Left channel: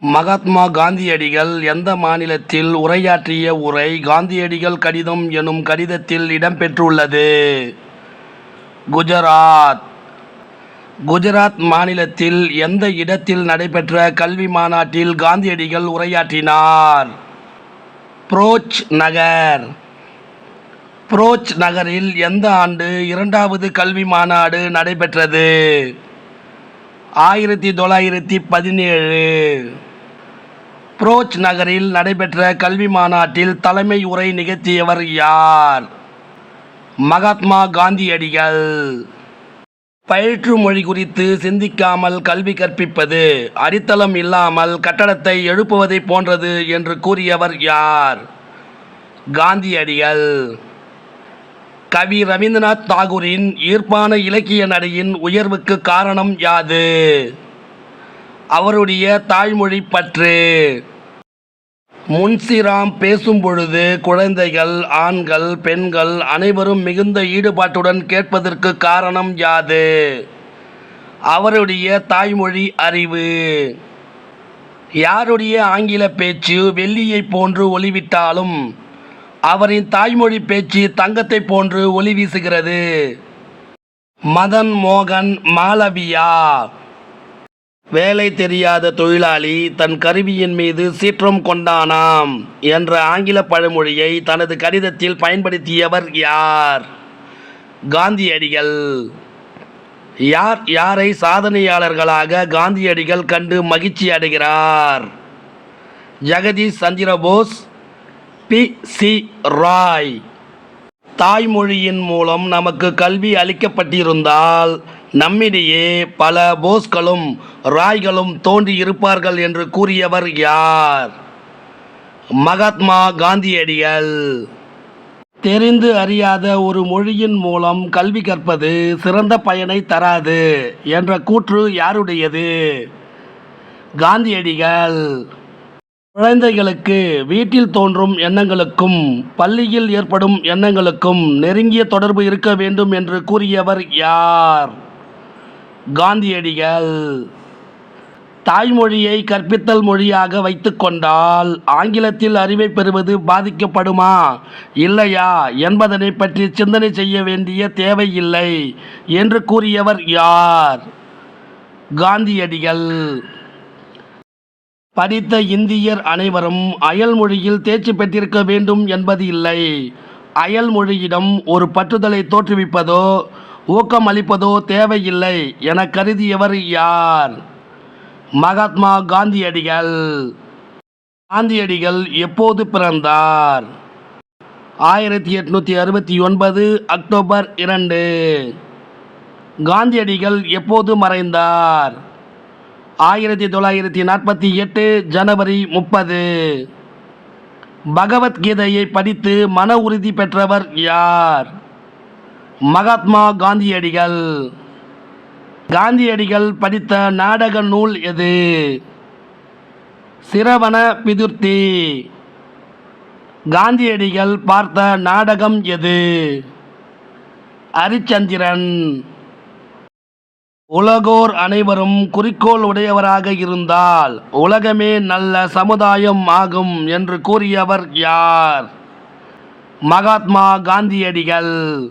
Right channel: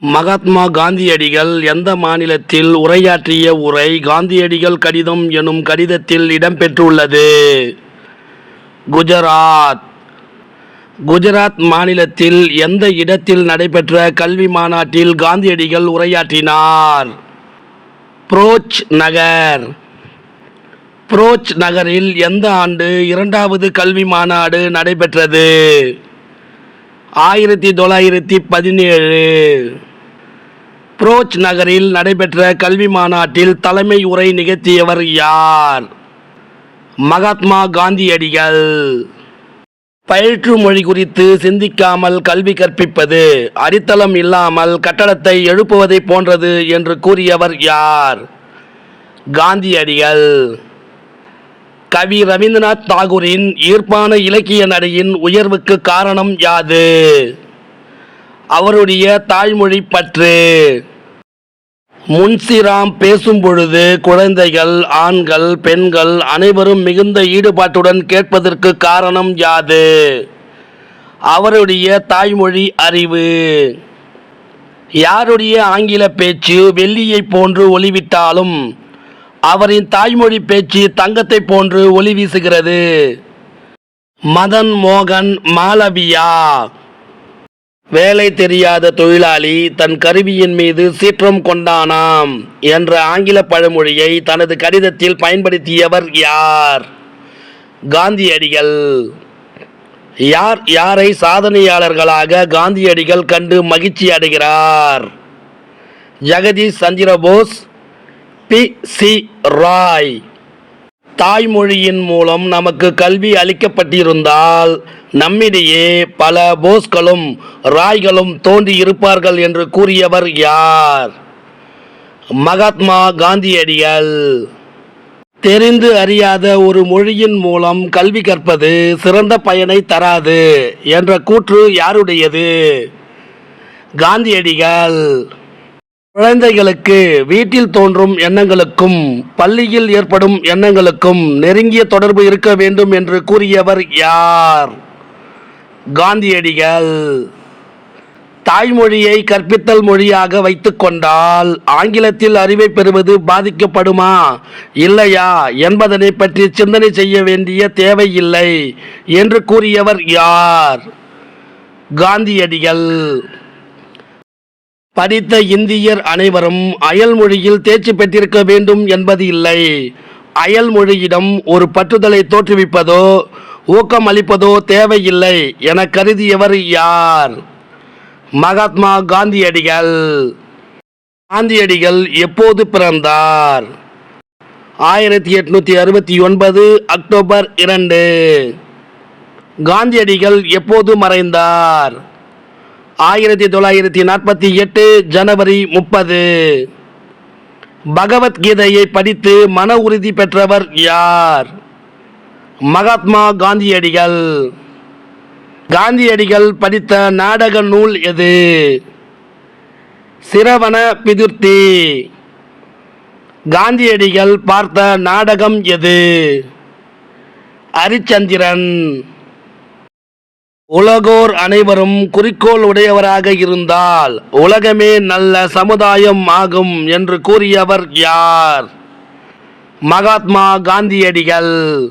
மகாத்மா காந்தியடிகள் எந்த மாநிலத்தில் உரையாற்றிய உரை காந்தியடிகள் கடிதம் எனும் கடிதத்தில் இடம்பெற்றுள்ளது? குஜராத். குஜராத் மாநிலத்தில் எந்த இடத்தில் நடைபெற்ற கல்வி மாநாட்டில் காந்தியடிகள் உரையாற்றினார்? புரோச் நகர். புரோச் நகரில் எந்த ஆண்டு இரண்டாவது கல்வி மாநாடு நடைபெற்றது? ஆயிரத்தி தொள்ளாயிரத்தி பதினேழு. புரோச் நகரில் நடைபெற்ற கல்வி மாநாட்டில் தலைமை உரை நிகழ்த்தியவர் யார்? மகாத்மா காந்தியடிகள். பயிற்று மொழி குறித்து சிந்திக்காமல் கல்வி கற்பிப்பது அடித்தளம் இல்லாமல் கட்டடத்தை எழுப்புவதை போன்றது என்று கூறியவர் யார்? காந்தியடிகள். கவி ரவீந்திரநாத் தாகூரின் ஈர்ப்பான இலக்கிய நடையின் உயர்வுக்கு காரணம் யாது? அவருடைய தாய்மொழி பற்று. முன்சிராம் பேசும் பொழுது குழந்தைகள் ஆண்கள் பெண்கள் அனைவரும் மிகுந்த ஈடுபாட்டுடன் கேட்பதற்கு காரணம் யாது? அவருடைய தாய்மொழி அறிவு. யாருடைய ஆங்கில பேச்சு வெள்ளியைப் போன்று ஒளிவிட்டாலும் அவரின் தாய்மொழி பேச்சு தங்கத்தை போன்று ஒளி வீசுகிறது. மதன் மோகன் மாலவியா வேலை தெரியாத தொழிலாளி தன் கருவியின் மீது சீற்றம் கொண்டானாம் என்ற ஆங்கில பழமொழியை தனது கடிதத்தில் பயன்படுத்தியவர் யார்? காந்தியடிகள். யார் யாரை சாதனையாளர்களாக காந்தியடிகள் கண்டு மகிழ்ச்சி அடைகிறார்? ஜெகதீஷ் சந்திரபோஸ் பி. சி. ராய். தாய்மொழியின் மூலம் நமக்கு கல்வி அளிக்கப்பட்டிருந்தால் நம்மிடையே பல போஸ்களும் ராய்களும் தோன்றி இருப்பார்கள் என்று கூறியவர் யார்? மகாத்மா காந்தியடிகள். தெரிந்து அறியாத ஒரு மொழியின் மூலம் கல்வி கற்பது சிறந்த பயனை தராது என்ற கூற்று யாருடையது? காந்தியடிகள். குழந்தைகளுக்கு வீட்டில் தோன்றும் எண்ணங்களுக்கும் பள்ளியில் ஏற்படும் எண்ணங்களுக்கும் நெருங்கிய தொடர்பு இருக்க வேண்டும் என்று கூறியவர் யார்? காந்தியடிகள் தாய்மொழியை கற்பித்தல் மொழியாக வைத்துக்கொண்டால் ஆங்கிலத்தில் அறிவை பெறுவது பாதிக்கப்படுமா? இல்லையா? என்பதனை பற்றி சிந்தனை செய்ய வேண்டிய தேவையில்லை என்று கூறியவர் யார்? காந்தியடிகள். படித்த இந்தியர் அனைவரும் அயல் மொழியில் தேர்ச்சி பெற்றிருக்க வேண்டும் என்பது இல்லை. அயல் மொழியிடம் ஒரு பற்றுதலை தோற்றுவிப்பதோ ஊக்கம் அளிப்பதோ தேவையில்லை என கருதியவர் யார்? மகாத்மா காந்தியடிகள். காந்தியடிகள் எப்போது பிறந்தார்? ஆயிரத்தி எட்நூத்தி அறுபத்தி ஒன்பது அக்டோபர் இரண்டு. காந்தியடிகள் எப்போது மறைந்தார்? ஆயிரத்தி தொள்ளாயிரத்தி நாற்பத்தி எட்டு ஜனவரி முப்பது. பகவத்கீதையை படித்து மன உறுதி பெற்றவர் யார்? மகாத்மா காந்தியடிகள். காந்தியடிகள் படித்த நாடக நூல் எது? சிரவண பிதுர்த்தி. காந்தியடிகள் பார்த்த நாடகம் எது? ஹரிச்சந்திரன் உலகோர் அனைவரும் குறிக்கோள் உடையவராக இருந்தால் உலகமே நல்ல சமுதாயம் ஆகும் என்று கூறியவர் யார்? மகாத்மா காந்தியடிகள்.